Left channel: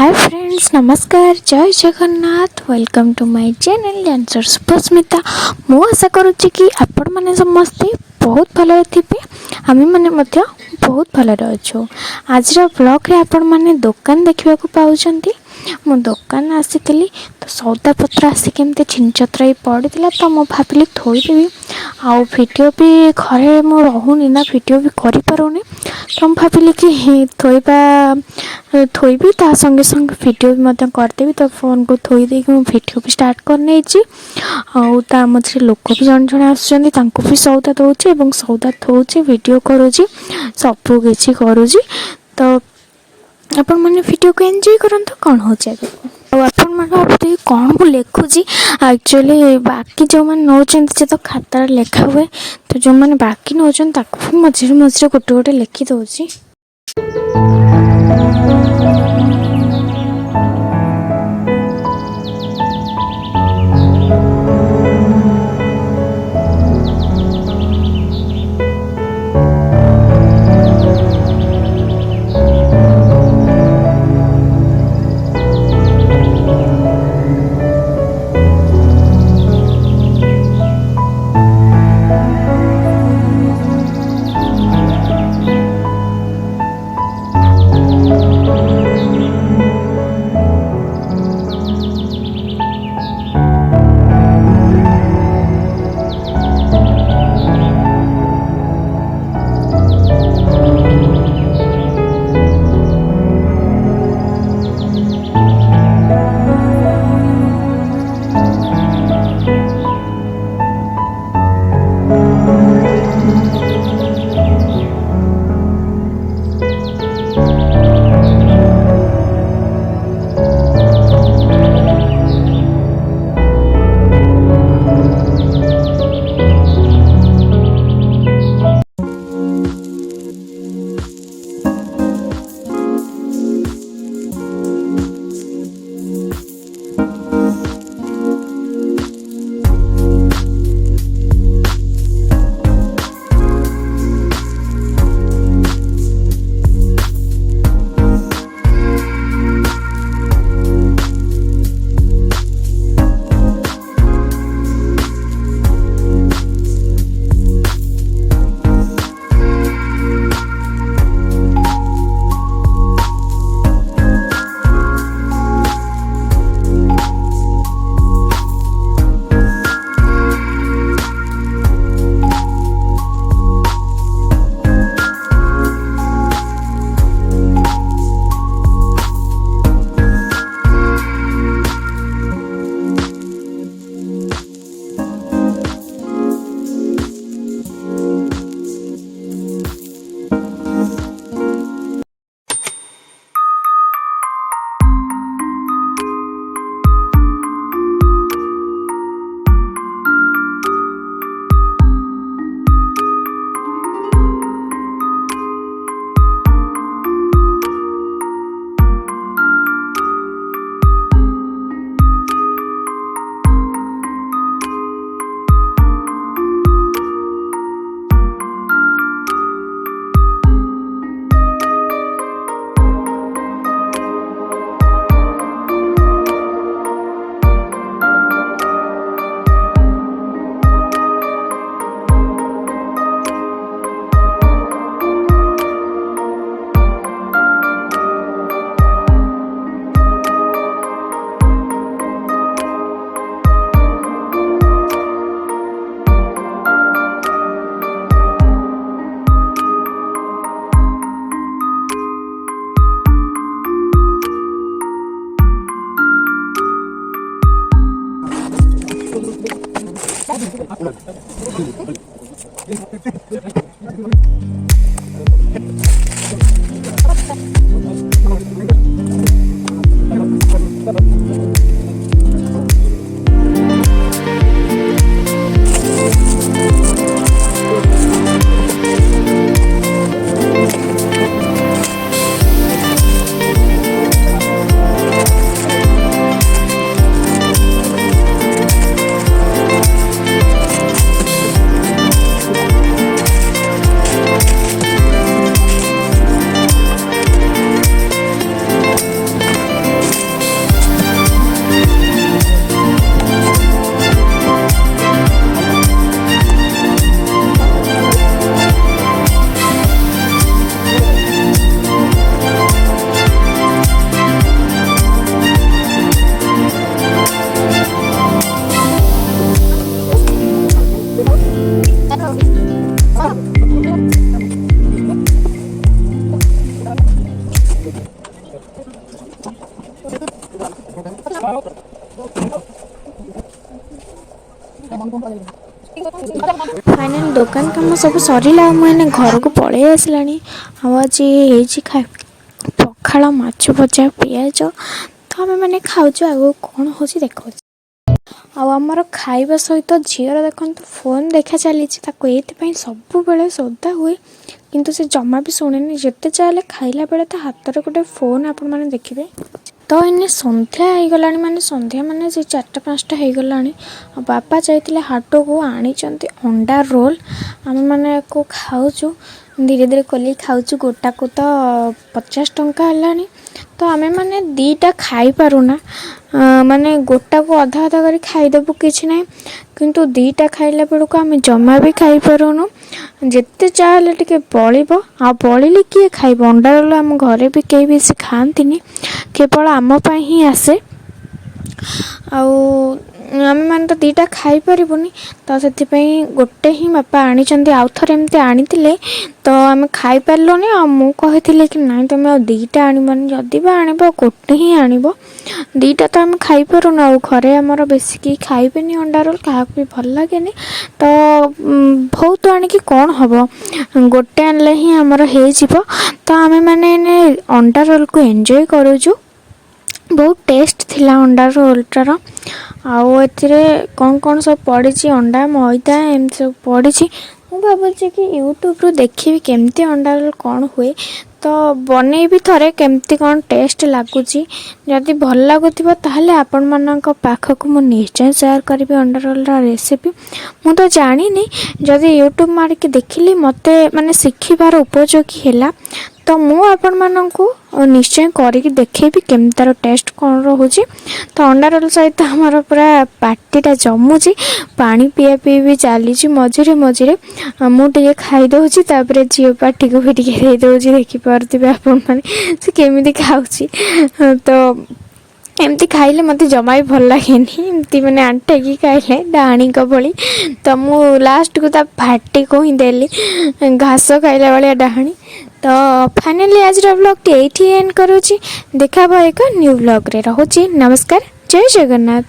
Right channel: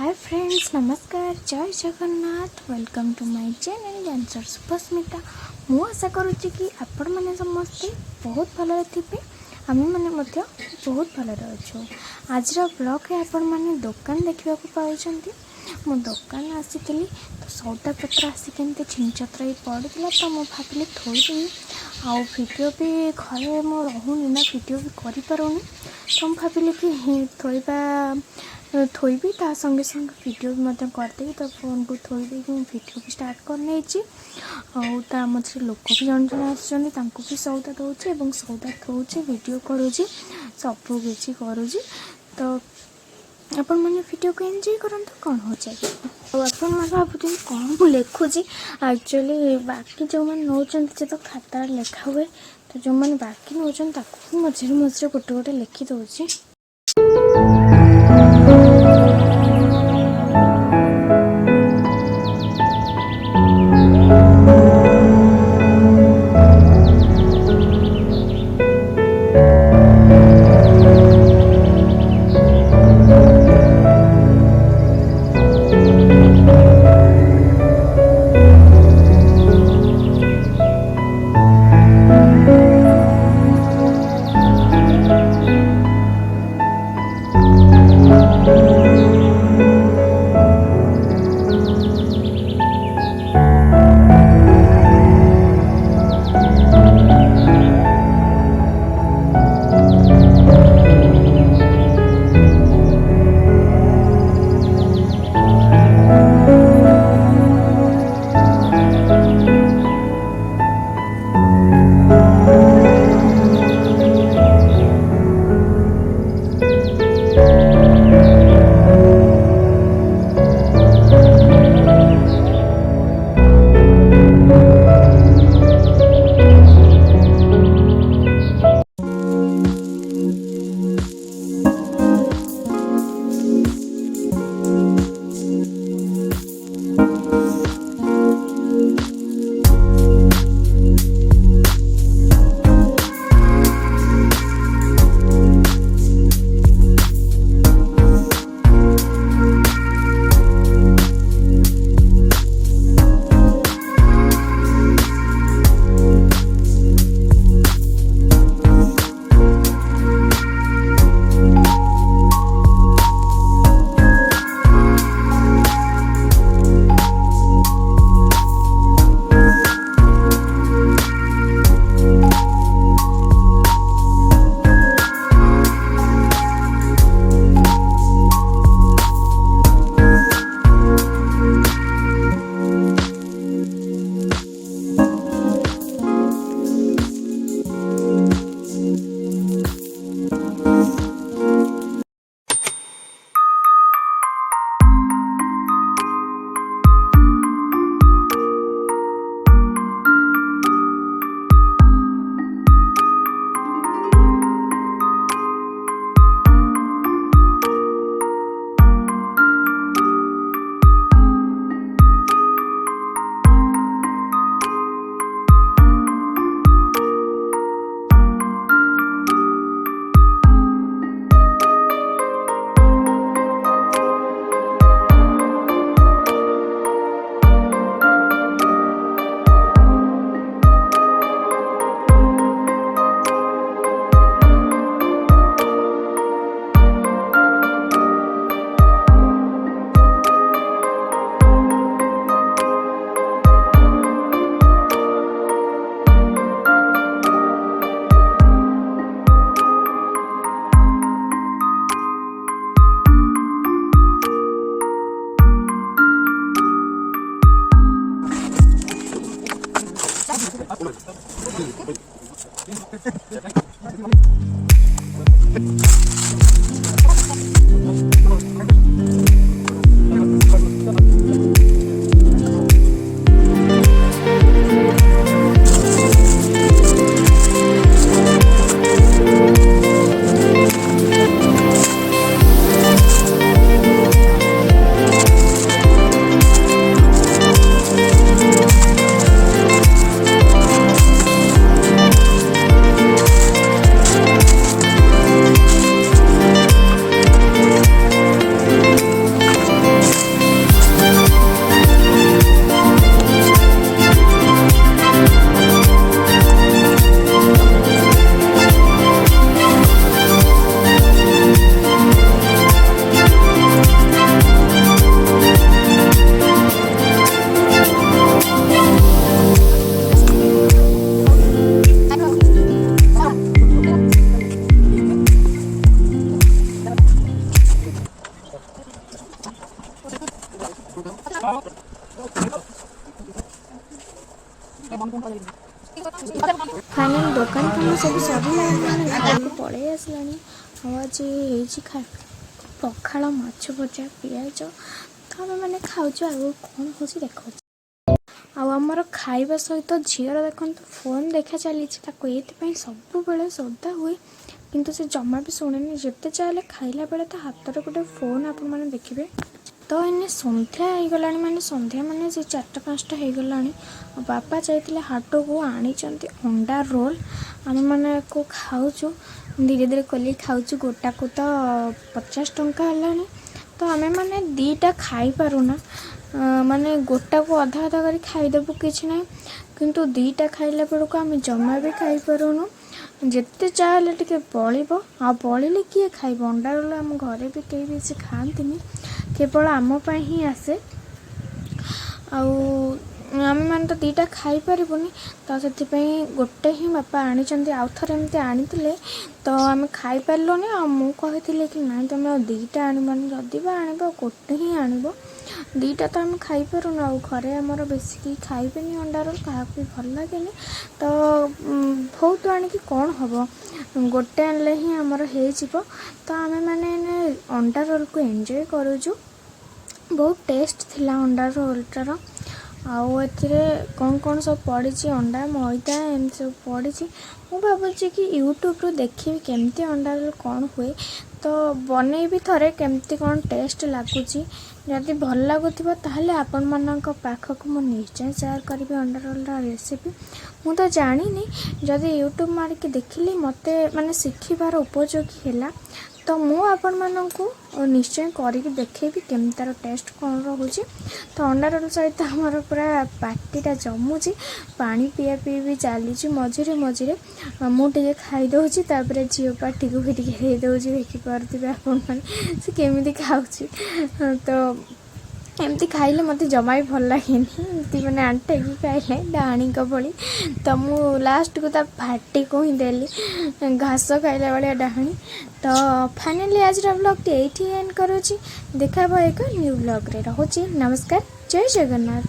हाय friends, नमस्कार, जय Jagannath. Welcome to my channel dancer Susmita. मु आशा करुच्ची कि आपण मैंने समस्ते बहुत भल थे। आम मैंने बहुत भल अच्छु। आज ब्लॉग रे आपण मैंने दुकान देखा पाँच। मु दुकान आसी तो सौदा पत्र आसिक एमती छिनछत्र पड़ा तो मुझे भाविली थोदेवी आउ भिड भी घरे मु रोनी ना भिड भी करें तो मुझे भाविली कि थोबी ता संगे संगे भिड भी करदेवी। तो फोन को थोदे मुझे भिड भी स्टार्ट करने आ मझे लोक भी जन जन आसुँच भी सौदा दौर सौदा थोचे भिड करुँच सबू किसी करुँच। तो आपण मैंने वीडियो को एंजॉय करंतु कौन हो भाई कौन को लिखुची। एक्चुअली बाकी जो मैंने नौचन से तो खाता लेखा हुए तो जो मैंने बाकी नौचन मझे मझे गोटे गोटे लिखी दौची। କାମ ସବୁ ସରିଲା ମୁଁ ଘରକୁ ପଳେଇ ଆସିଲାଣି। ଆଉ ଆଜି ହେଇଛି ପଖାଳ, ମାଛ ଭଜା, ପିଆଜ। ତ ଆମେ ଖାଉଛୁ, ଆଗକୁ କ'ଣ ହେଉଛି ଦେଖାଉଛି। ଆଉ ଆମର ଖାଇବା ସହିତ ଝିଅର ଦେଖନ୍ତୁ ଫୋନ୍ ଦେଖା ଚାଲିଛି। ତାକୁ ଏଇଥିପାଇଁ ସବୁବେଳେ ସୋଦା ହୁଏ, କିନ୍ତୁ ସେ ଜମା ବି ଶୁଣେନି। ଯେତେ ଚାହେଲେ ଖାଇଲା ବେଳେ ତା ହାତରେ ଗୋଟେ ଫୋନ୍ ଆପଣମାନେ ଦେଖିବେ। ତ ଏଇନେ ସନ୍ଧ୍ୟା ହେଇଗଲାଣି, ସନ୍ଧ୍ୟା ସେ 4ଟା-5ଟା ହେଇଗଲାଣି। ଆଉ ବାପା ଯାଇଥିଲେ ହାଟକୁ, ଆଣିଛନ୍ତି ଅଣ୍ଡା ରୋଲ୍। ଆମେମାନେ ୟାକୁ ଖାଉଛୁ, ଧୀରେ ଧୀରେ କଲି ଖାଉଛୁ। ଗୋଟାକୁ ତ 50 ଟଙ୍କା ହେଲାଣି। ତ ଆମେମାନେ 2ଟା ଖାଇପାରୁନା, ଗୋଟାକୁ ଅଧା ଅଧା କରି ଖାଇଦେବୁ, କିଛି ନାହିଁ। କିନ୍ତୁ 2ଟା ଖାଇଲା ବେଳକୁ ଆମେ ଜମା ବି ଖାଇପାରୁନୁ। ଯେତେ ଚାହେଲେ ଟିକେ ବଳିବ, ଆଉ ବଳିଲେ କିଏ ଖାଇବ? ଅଣ୍ଡା ରୋଲ୍ ଆମ ଘରେ ବି କେହି ବେଶୀ ଖାଆନ୍ତିନି, କେବଳ ଆମ ପାଇଁ ହିଁ ଆସେ। ଆଉ ଆମେମାନେ ତ 2ଟା ଖାଇପାରିବୁନି, ତ ସେଥିପାଇଁ ଗୋଟେ ହିଁ ବାପା ଆଣିଛନ୍ତି। ଆଉ ଥରେ ଏମିତି ଆଣିଥିଲେ, ତ ଆମେ ଖାଇପାରିଲୁନି। ଆଉ ମୁଁ କହିଥିଲି କି ନାଇଁ ତୁମେ ଆଉ 2ଟା ଆଣିବନି, ଯଦି ବା ଆଣିବ ଗୋଟେ ହିଁ ଆଣିବ। 2ଟା ତ ଆମେ ଖାଇପାରୁନୁ। ଆଉ ଘରେ ଆମର ବେଶୀ କେହି ଖାଇବେନି ଅଣ୍ଡା ରୋଲ୍, କାହାକୁ ବି ଭଲ ଲାଗେନି। ତ ବହୁତ ଆଣିକି କ'ଣ ହେବ, ଗୋଟେ ଆଣିଲେ ହିଁ ଆମର ହେଇଯିବ। ତ ଆମେମାନେ ଅଣ୍ଡା ରୋଲ୍କୁ ଏନ୍ଜୟ କରୁଛୁ। ବହୁତ ଟେଷ୍ଟ ଥିଲା ଅଣ୍ଡା ରୋଲ୍ଟାର। ଆଉ ଏଥିରେ କ'ଣ ସବୁ ପଡ଼ିଛି, ଅଣ୍ଡା, ମଇଦା ଏମିତି ସବୁ ପଡ଼ିଛି। ମୁଁ ଭାବୁଛି କି ୟୁଟ୍ୟୁବରୁ ଦେଖିବି କେମିତି ଅଣ୍ଡା ରୋଲ୍ କ'ଣ ହୁଏ, ତ ବନେଇବି ଥରେ କେମିତି କ'ଣ ଟେଷ୍ଟ ଲାଗୁଛି। ଯଦି ଭଲ ଲାଗୁଥିବ ତାହେଲେ ଆପଣମାନଙ୍କ ପାଖକୁ ମୁଁ ନିଶ୍ଚୟ ସେୟାର କରିବି ଅଣ୍ଡା ରୋଲ୍ର ରେସିପି। ମୁଁ ତ ଜାଣିନି, ଯଦି ୟୁଟ୍ୟୁବ୍ ମାରିକି ଦେଖିଲି ମୋତେ ଶିଖିବାର ଉପଯୋଗୀ ହେଲା, ତ ମୁଁ ଆପଣମାନଙ୍କୁ ନିଶ୍ଚୟ କରିକି ଦେଖେଇବି କେମିତି ତା'ର ଟେଷ୍ଟ କ'ଣ ରହୁଛି। ତ ଅଣ୍ଡା ରୋଲ୍ ସହିତ ଆମର ପୁରା ପାଟିଟା ଜମୁଛି, ପାଣି ପିଆ ବି ଚାଲିଛି ମଝିରେ ମଝିରେ। ମୁଁ ଟିକେ ଖାଇଦେଉଛି, ତାପରେ ଝିଅ ପାଟିକୁ ବି ଟିକେ ଦେଇଦେଉଛି। ଦେଖିପାରୁଥିବେ ଆପଣମାନେ ସେ କେମିତି ଖାଉଛି। ତ ଏମିତି ଖାଇଲେ ମୋତେ ଜମା ବି ଭଲ ଲାଗେନି, ଏମିତି ଆଣ୍ଠେଇକି ଖାଇଲେ ଡାହାଣୀଙ୍କ ଭଳି। ତ ମୁଁ ଲାଷ୍ଟକୁ ତା ପାଟିକୁ ହିଁ ଦେଲି, ଘାସ ଖାଇଲା ଭଳିଆ ଡାହାଣୀ। ତ ଫାଇନାଲି ଆଜିର ବ୍ଲଗ୍ଟି ଏଇଠି ଏଣ୍ଡ କରୁଛି। ଦେଖା ହେବ ଏକ ନ୍ୟୁ ବ୍ଲଗ୍ରେ। ରହୁଛି, ନମସ୍କାର, ଜୟ ଜଗନ୍ନାଥ।